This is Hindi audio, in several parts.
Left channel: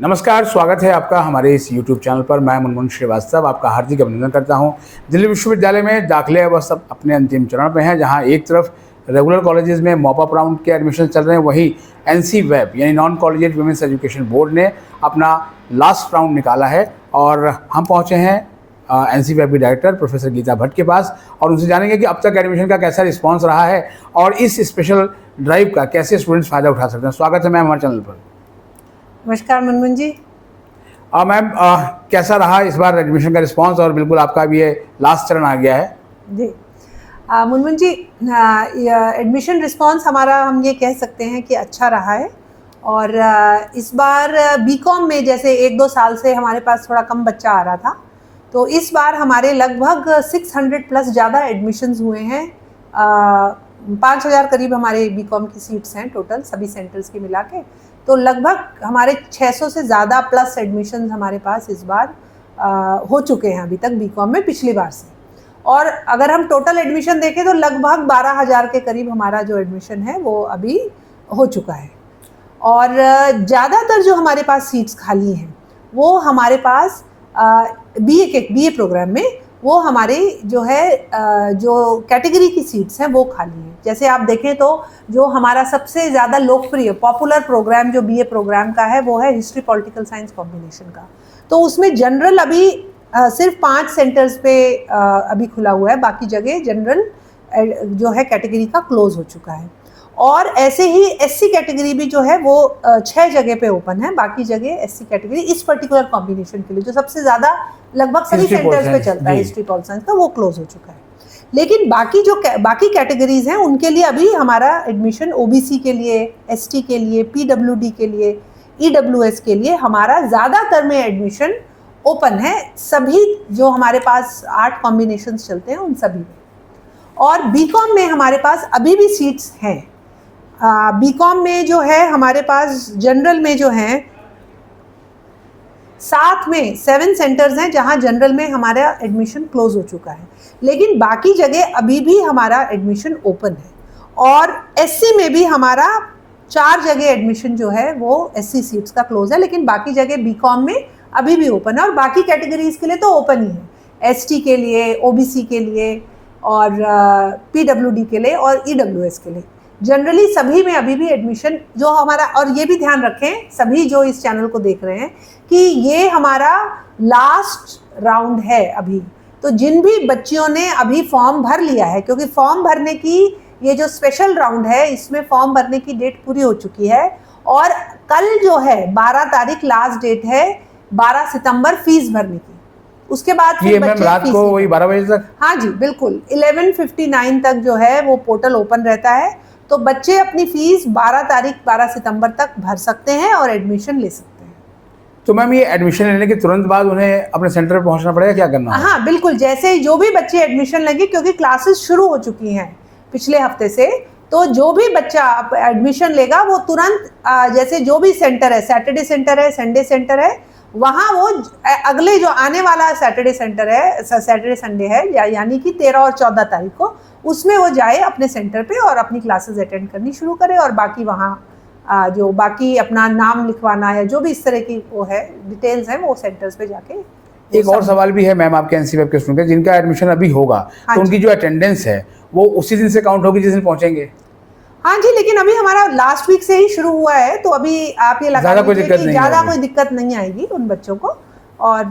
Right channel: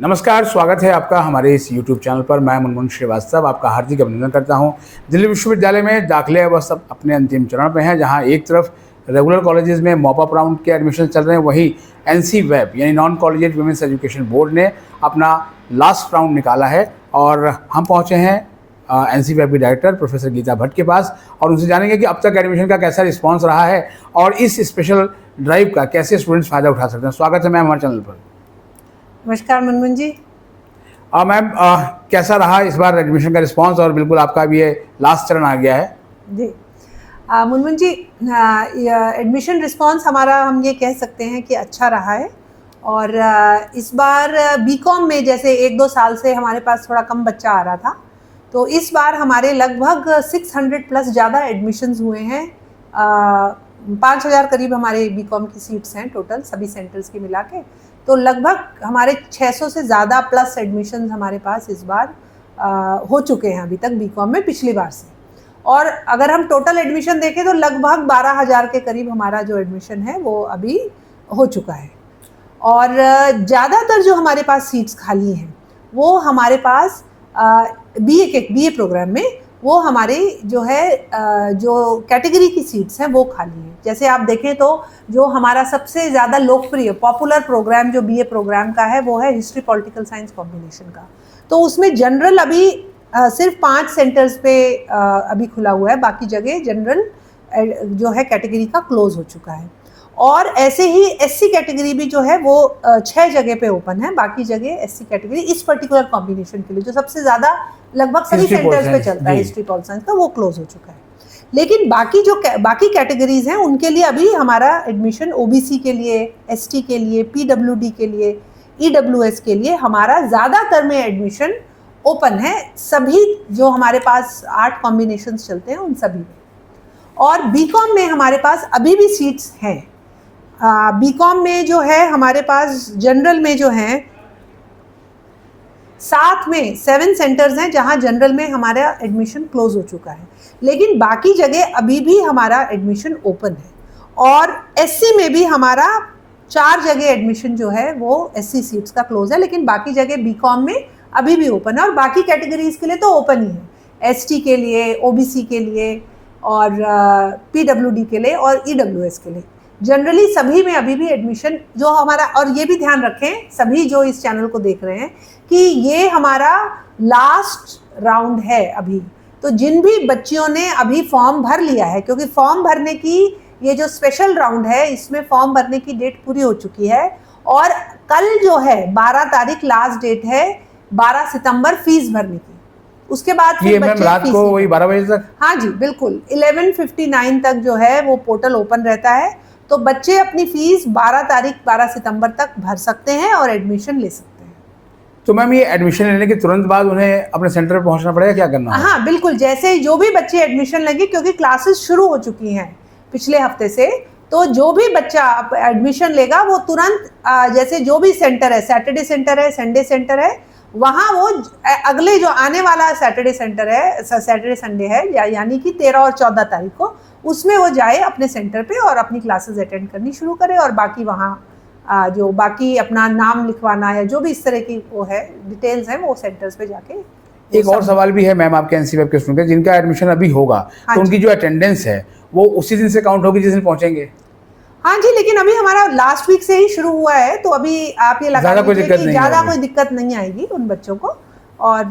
नमस्कार, स्वागत है आपका हमारे इस यूट्यूब चैनल पर। मैं मुनमुन श्रीवास्तव आपका हार्दिक अभिनंदन करता हूं। दिल्ली विश्वविद्यालय में दाखिले अब सब अपने अंतिम चरण पे हैं, जहां एक तरफ रेगुलर कॉलेजेस में मॉप अप राउंड के एडमिशन चल रहे हैं, वहीं एनसी वेब यानी non collegiate women's education board ने अपना लास्ट राउंड निकाला है। और हम पहुँचे हैं एनसी वेब की डायरेक्टर प्रोफेसर गीता भट्ट के पास और उनसे जानेंगे कि अब तक एडमिशन का कैसा रिस्पॉन्स रहा है और इस स्पेशल ड्राइव का कैसे स्टूडेंट्स फ़ायदा उठा सकते हैं। स्वागत है मैम हमारे चैनल पर। नमस्कार मुनमुन जी। मैम, कैसा रहा इस बार एडमिशन का रिस्पांस? और बिल्कुल आपका भी ये लास्ट चरण आ गया है जी। मुनमुन जी, एडमिशन रिस्पांस हमारा हम ये कह सकते हैं कि अच्छा रहा है। और इस बार बीकॉम में जैसे 1-2 साल से हमारे पास थोड़ा कम बच्चा आ रहा था, तो इस बार हमारे लगभग 600 प्लस ज़्यादा एडमिशन्स हुए हैं। 5000 करीब हमारे बीकॉम की सीट्स हैं टोटल सभी सेंटर्स के मिला के। तो लगभग हमारे 600 से ज़्यादा प्लस एडमिशन्स हमारे पास इस बार हो चुके हैं अभी तक बीकॉम में पिछली बार से। और अगर हम टोटल एडमिशन देखें तो लगभग 12000 के करीब हमारा जो एडमिशन है वो अभी हो चुका है। और ज़्यादातर जो हमारे पास सीट्स खाली हैं वो हमारे पास बीए प्रोग्राम में वो हमारे जो है जो कैटेगरी की सीट्स हैं वो खाली है। जैसे आप देखें तो जो हमारा सबसे ज़्यादा लोकप्रिय पॉपुलर प्रोग्राम जो बीए प्रोग्राम का है वो है हिस्ट्री पॉलिटिकल साइंस कॉम्बिनेशन का। तो उसमें जनरल अभी सिर्फ 5 सेंटर्स पे अभी खुला हुआ है, बाकी जगह जनरल जो है कैटेगरी का क्लोज हो चुका है। और ऐसे ही एससी कैटेगरी भी जो है वो 6 जगह पे ओपन है, बाकी जगह एससी कैटेगरी इस पर्टिकुलर कॉम्बिनेशन के लिए जो सबसे ज़्यादा लगभग सभी सेंटर्स में चलता है हिस्ट्री पॉल साइंस का, वो क्लोज हो चुका है। लेकिन बाकी कैटेगरीज हैं उनके लिए अभी हमारा एडमिशन ओबीसी के लिए, एसटी के लिए, पीडब्ल्यूडी के लिए, ईडब्ल्यूएस के लिए हमारा ज़्यादातर में एडमिशन ओपन है। सभी जो हमारे पास 8 कॉम्बिनेशंस चलते हैं उन सभी। और बीकॉम में हमारे पास अभी भी सीट्स हैं। बीकॉम में जो है हमारे पास जनरल में जो है 7 सेंटर्स हैं जहां जनरल में हमारा एडमिशन क्लोज हो चुका है, लेकिन बाकी जगह अभी भी हमारा एडमिशन ओपन है। और एससी में भी हमारा 4 जगह एडमिशन जो है वो एससी सीट्स का क्लोज है, लेकिन बाकी जगह बीकॉम में अभी भी ओपन है। और बाकी कैटेगरीज के लिए तो ओपन ही है, एसटी के लिए, ओबीसी के लिए और पीडब्ल्यूडी के लिए और ईडब्ल्यूएस के लिए। जनरली सभी में अभी भी एडमिशन जो हमारा, और ये भी ध्यान रखें सभी जो इस चैनल को देख रहे हैं कि ये हमारा लास्ट राउंड है अभी। तो जिन भी बच्चियों ने अभी फॉर्म भर लिया है, क्योंकि फॉर्म भरने की ये जो स्पेशल राउंड है इसमें फॉर्म भरने की डेट पूरी हो चुकी है और कल जो है 12 तारीख लास्ट डेट है, 12 सितंबर फीस भरने की। उसके बाद फिर बच्चे रात को वही 12 बजे तक, हाँ जी बिल्कुल 11:59 तक जो है वो पोर्टल ओपन रहता है। तो बच्चे अपनी फीस 12 सितंबर तक भर सकते हैं और एडमिशन ले सकते हैं। तो मैम ये एडमिशन लेने के तुरंत बाद उन्हें अपने सेंटर पर पहुंचना पड़ेगा, क्या करना है? हाँ बिल्कुल, जैसे जो भी बच्चे एडमिशन लेंगे, क्योंकि क्लासेस शुरू हो चुकी हैं पिछले हफ्ते से, तो जो भी बच्चा एडमिशन लेगा वो तुरंत जैसे जो भी सेंटर है, सैटरडे सेंटर है, संडे सेंटर है, वहाँ वो अगले जो आने वाला सैटरडे सेंटर है, सैटरडे संडे है, यानी कि 13 और 14 तारीख को, उसमें वो जाए अपने सेंटर पे और अपनी क्लासेस अटेंड करनी शुरू करे। और बाकी वहाँ जो बाकी अपना नाम लिखवाना या जो भी इस तरह की वो है डिटेल्स हैं वो सेंटर्स पे जाके। एक और सवाल भी है मैम आपके एनसी वेब के स्टूडेंट जिनका एडमिशन अभी होगा, तो उनकी जो अटेंडेंस है वो उसी दिन से काउंट होगी जिस दिन पहुंचेंगे? हाँ जी, लेकिन अभी हमारा लास्ट वीक से ही शुरू हुआ है, तो अभी आप ये लगा लीजिए कि ज़्यादा कोई दिक्कत नहीं आएगी उन बच्चों को, और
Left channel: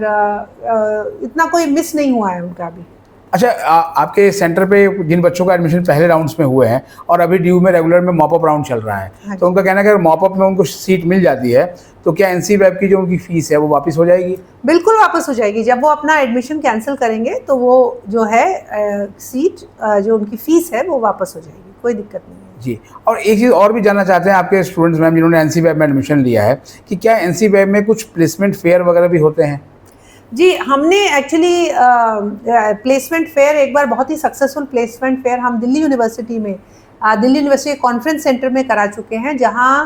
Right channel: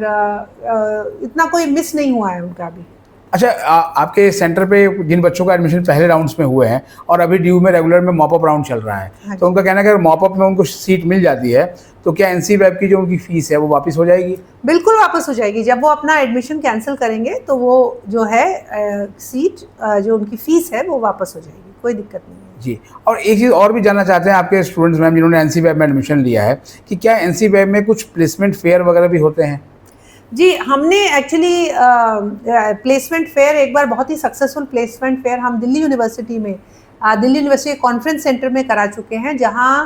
इतना कोई मिस नहीं हुआ है उनका अभी। अच्छा, आपके सेंटर पे जिन बच्चों का एडमिशन पहले राउंड्स में हुए हैं और अभी ड्यू में रेगुलर में मॉप अप राउंड चल रहा है, तो उनका कहना है कि अगर मॉप अप में उनको सीट मिल जाती है तो क्या एनसी वेब की जो उनकी फीस है वो वापस हो जाएगी? बिल्कुल वापस हो जाएगी। जब वो अपना एडमिशन कैंसिल करेंगे तो वो जो है सीट जो उनकी फीस है वो वापस हो जाएगी, कोई दिक्कत नहीं है जी। और एक चीज़ और भी जानना चाहते हैं आपके स्टूडेंट्स मैम जिन्होंने एनसी वेब में एडमिशन लिया है कि क्या एनसी वेब में कुछ प्लेसमेंट फेयर वगैरह भी होते हैं? जी, हमने एक्चुअली प्लेसमेंट फेयर एक बार बहुत ही सक्सेसफुल प्लेसमेंट फेयर हम दिल्ली यूनिवर्सिटी में दिल्ली यूनिवर्सिटी कॉन्फ्रेंस सेंटर में करा चुके हैं, जहां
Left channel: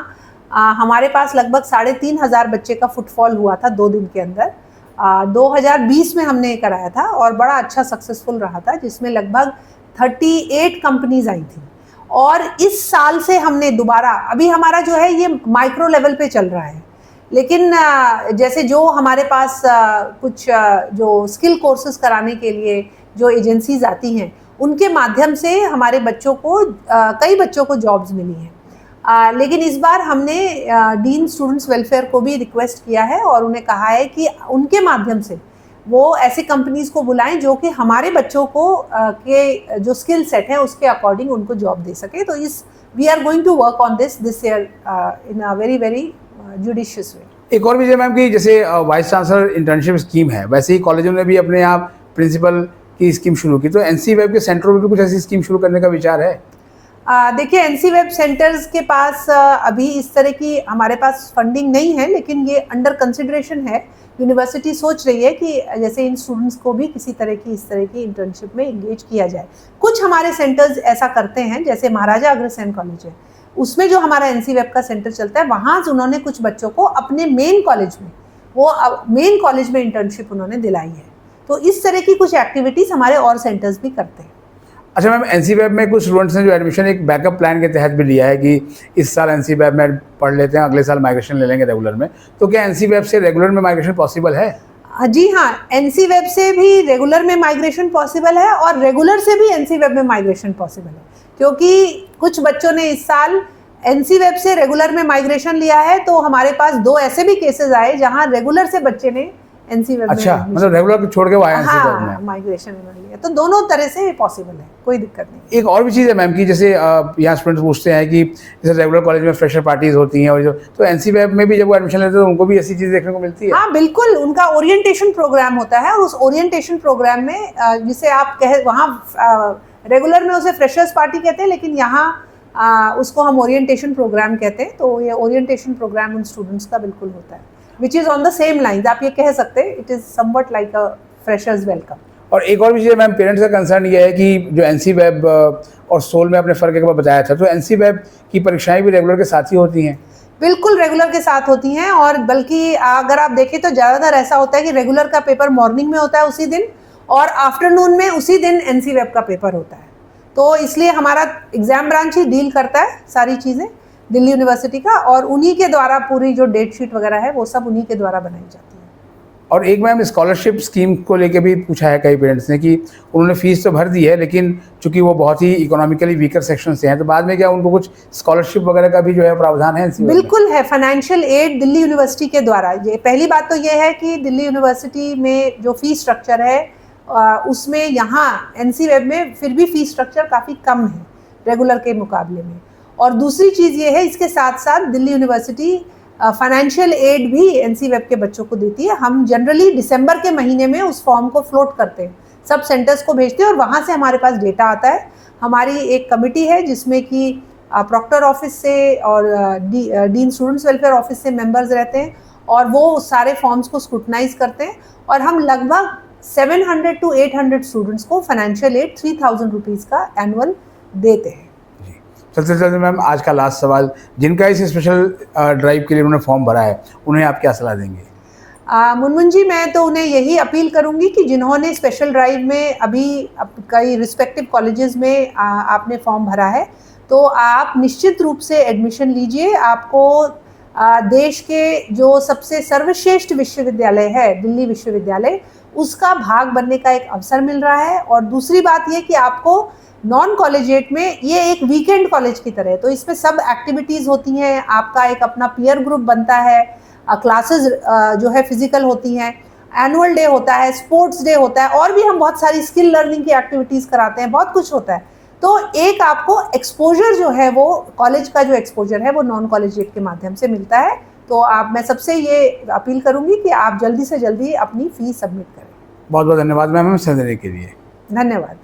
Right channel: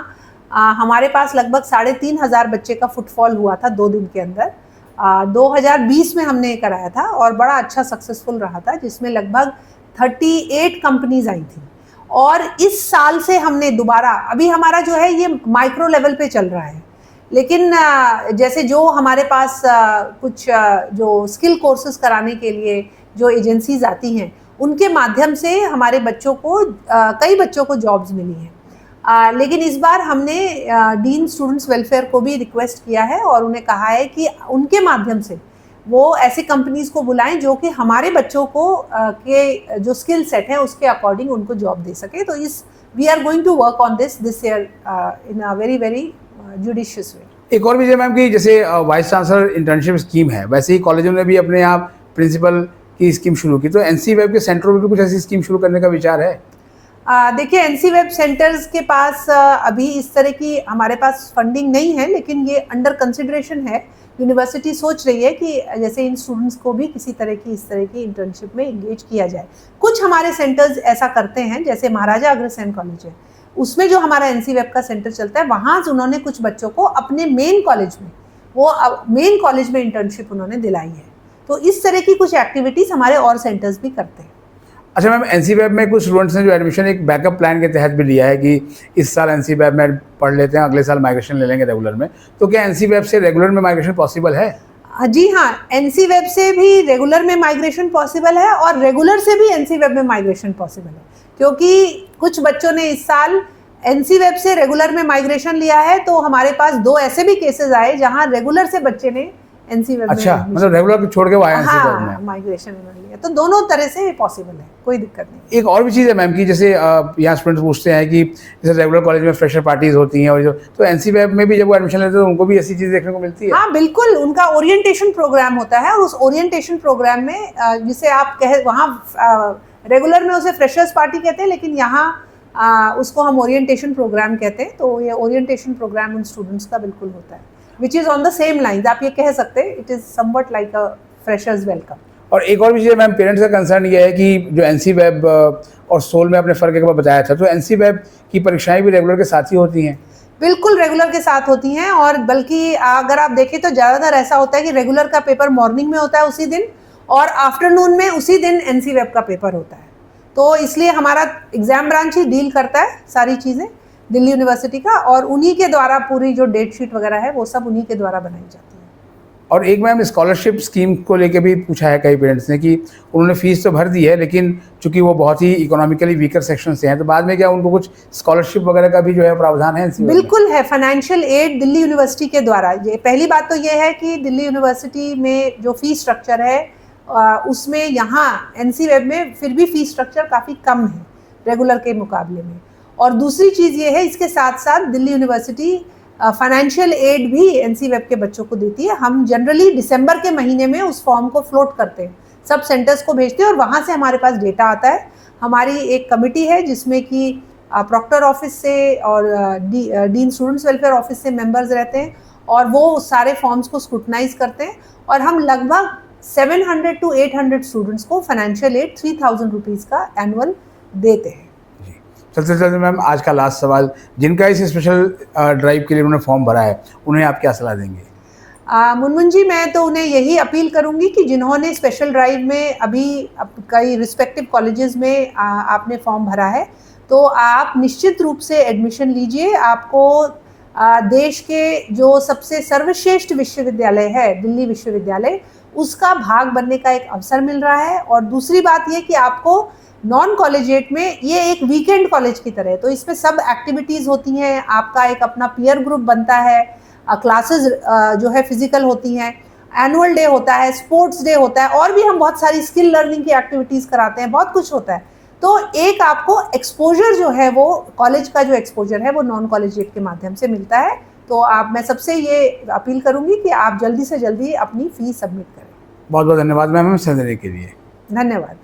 हमारे पास लगभग 3500 बच्चे का फुटफॉल हुआ था 2 दिन के अंदर। 2020 में हमने कराया था और बड़ा अच्छा सक्सेसफुल रहा था, जिसमें लगभग 38 कंपनीज आई थी। और इस साल से हमने दोबारा, अभी हमारा जो है ये माइक्रो लेवल पे चल रहा है, लेकिन जैसे जो हमारे पास कुछ जो स्किल कोर्सेज कराने के लिए जो एजेंसीज आती हैं, उनके माध्यम से हमारे बच्चों को कई बच्चों को जॉब्स मिली हैं। लेकिन इस बार हमने डीन स्टूडेंट्स वेलफेयर को भी रिक्वेस्ट किया है और उन्हें कहा है कि उनके माध्यम से वो ऐसी कंपनीज को बुलाएं जो कि हमारे बच्चों को के जो स्किल सेट है उसके अकॉर्डिंग उनको जॉब दे सके। तो इस we are going to work on this year in a very very judicious way. एक और भी मैम कि जैसे वाइस चांसलर इंटर्नशिप स्कीम है, वैसे ही कॉलेजों ने भी अपने यहाँ प्रिंसिपल की स्कीम शुरू की, तो एनसी वेब के सेंटरों में भी कुछ ऐसी स्कीम शुरू करने का विचार है? देखिए, एनसी वेब सेंटर्स के पास अभी इस तरह की हमारे पास फंडिंग नहीं है, लेकिन ये अंडर कंसिडरेशन है। यूनिवर्सिटी सोच रही है कि जैसे इन स्टूडेंट्स को भी किसी तरह की इस तरह की इंटर्नशिप में इंगेज किया जाए। कुछ हमारे सेंटर्स ऐसा करते हैं, जैसे महाराजा अग्रसेन कॉलेज है, उसमें जो हमारा एनसी वेब का सेंटर चलता है, वहाँ उन्होंने कुछ बच्चों को अपने मेन कॉलेज में इंटर्नशिप उन्होंने दिलाई है। तो इस तरह की कुछ एक्टिविटीज़ हमारे और सेंटर्स भी करते हैं। अच्छा मैम, एनसी वेब में कुछ स्टूडेंट्स ने जो एडमिशन एक बैकअप प्लान के तहत भी लिया है कि इस साल एनसी वेब में पढ़ लेते हैं, अगले साल माइग्रेशन ले लेंगे रेगुलर में, तो क्या एनसी वेब से रेगुलर में माइग्रेशन पॉसिबल है? जी हाँ, एनसी वेब से भी रेगुलर में माइग्रेशन पॉसिबल है और रेगुलर से भी एनसी वेब में माइग्रेशन पॉसिबल है, क्योंकि कुछ बच्चों ने इस साल एनसी वेब से रेगुलर में माइग्रेशन लिया है। तो हमारे पास 2 ऐसे भी केसेस आए जहाँ रेगुलर से बच्चे ने एनसी वेब अच्छा, मतलब रेगुलर छोड़ के वो आए एनसी वेब में माइग्रेशन लिया। तो दोनों तरह से पॉसिबल है, कोई दिक्कत नहीं। एक और भी चीज़ है मैम कि जैसे यहाँ स्टूडेंट्स पूछते हैं कि जैसे रेगुलर कॉलेज में फ्रेशर पार्टीज होती हैं और तो एनसी वेब में भी जब वो एडमिशन लेते हैं तो उनको भी ऐसी चीज़ देखने को मिलती है? हाँ बिल्कुल, उनका ओरिएंटेशन प्रोग्राम होता है और उस ओरिएंटेशन प्रोग्राम में जिसे आप वहाँ रेगुलर में उसे फ्रेशर्स पार्टी कहते हैं, लेकिन यहाँ उसको हम ओरिएंटेशन प्रोग्राम कहते हैं। तो ये ओरिएंटेशन प्रोग्राम उन स्टूडेंट्स का बिल्कुल होता है, which is on the same lines. आप ये कह सकते हैं it is somewhat like a freshers welcome. और एक और भी चीज़ मैम, पेरेंट्स का कंसर्न ये है कि जो एनसी वेब और सोल में आपने फ़र्क एक बार बताया था, तो एनसी वेब की परीक्षाएं भी रेगुलर के साथ ही होती हैं? बिल्कुल रेगुलर के साथ होती हैं, और बल्कि अगर आप देखें तो ज़्यादातर ऐसा होता है कि रेगुलर का पेपर मॉर्निंग में होता है उसी दिन, और आफ्टरनून में उसी दिन एनसी वेब का पेपर होता है। तो इसलिए हमारा एग्ज़ाम ब्रांच ही डील करता है सारी चीज़ें दिल्ली यूनिवर्सिटी का, और उन्हीं के द्वारा पूरी जो डेट शीट वगैरह है वो सब उन्हीं के द्वारा बनाई जाती है। और एक मैम, स्कॉलरशिप स्कीम को लेके भी पूछा है कई पेरेंट्स ने कि उन्होंने फीस तो भर दी है, लेकिन चूंकि वो बहुत ही इकोनॉमिकली वीकर सेक्शन से हैं, तो बाद में क्या उनको कुछ स्कॉलरशिप वगैरह का भी जो है प्रावधान है? बिल्कुल है, फाइनेंशियल एड दिल्ली यूनिवर्सिटी के द्वारा। ये पहली बात तो ये है कि दिल्ली यूनिवर्सिटी में जो फीस स्ट्रक्चर है उसमें यहाँ एनसी वेब में फिर भी फीस स्ट्रक्चर काफ़ी कम है रेगुलर के मुकाबले में। और दूसरी चीज़ ये है, इसके साथ साथ दिल्ली यूनिवर्सिटी फाइनेंशियल एड भी एनसी वेब के बच्चों को देती है। हम जनरली दिसंबर के महीने में उस फॉर्म को फ्लोट करते हैं, सब सेंटर्स को भेजते हैं, और वहाँ से हमारे पास डेटा आता है। हमारी एक कमिटी है जिसमें कि प्रॉक्टर ऑफिस से और डीन स्टूडेंट्स वेलफेयर ऑफिस से मेंबर्स रहते हैं, और वो सारे फॉर्म्स को स्क्रूटनाइज करते हैं, और हम लगभग 700 to 800 स्टूडेंट्स को फाइनेंशियल एड 3000 रुपीज़ का एनुअल देते हैं। चलते चलते मैम, आज का लास्ट सवाल, जिनका इस स्पेशल ड्राइव के लिए उन्होंने फॉर्म भरा है, उन्हें आप क्या सलाह देंगे? मुनमुन जी, मैं तो उन्हें यही अपील करूंगी कि जिन्होंने स्पेशल ड्राइव में अभी कई रिस्पेक्टिव कॉलेजेस में आपने फॉर्म भरा है, तो आप निश्चित रूप से एडमिशन लीजिए। आपको देश के जो सबसे सर्वश्रेष्ठ विश्वविद्यालय है, दिल्ली विश्वविद्यालय, उसका भाग बनने का एक अवसर मिल रहा है। और दूसरी बात ये कि आपको नॉन कॉलेजिएट में ये एक वीकेंड कॉलेज की तरह है, तो इसमें सब एक्टिविटीज़ होती हैं, आपका एक अपना पीयर ग्रुप बनता है, क्लासेस जो है फिजिकल होती हैं, एनुअल डे होता है, स्पोर्ट्स डे होता है, और भी हम बहुत सारी स्किल लर्निंग की एक्टिविटीज़ कराते हैं, बहुत कुछ होता है। तो एक आपको एक्सपोजर जो है, वो कॉलेज का जो एक्सपोजर है वो नॉन कॉलेजिएट के माध्यम से मिलता है। तो मैं सबसे ये अपील करूँगी कि आप जल्दी से जल्दी अपनी फ़ीस सबमिट करें। बहुत बहुत धन्यवाद मैम, हमें समय देने के लिए। धन्यवाद।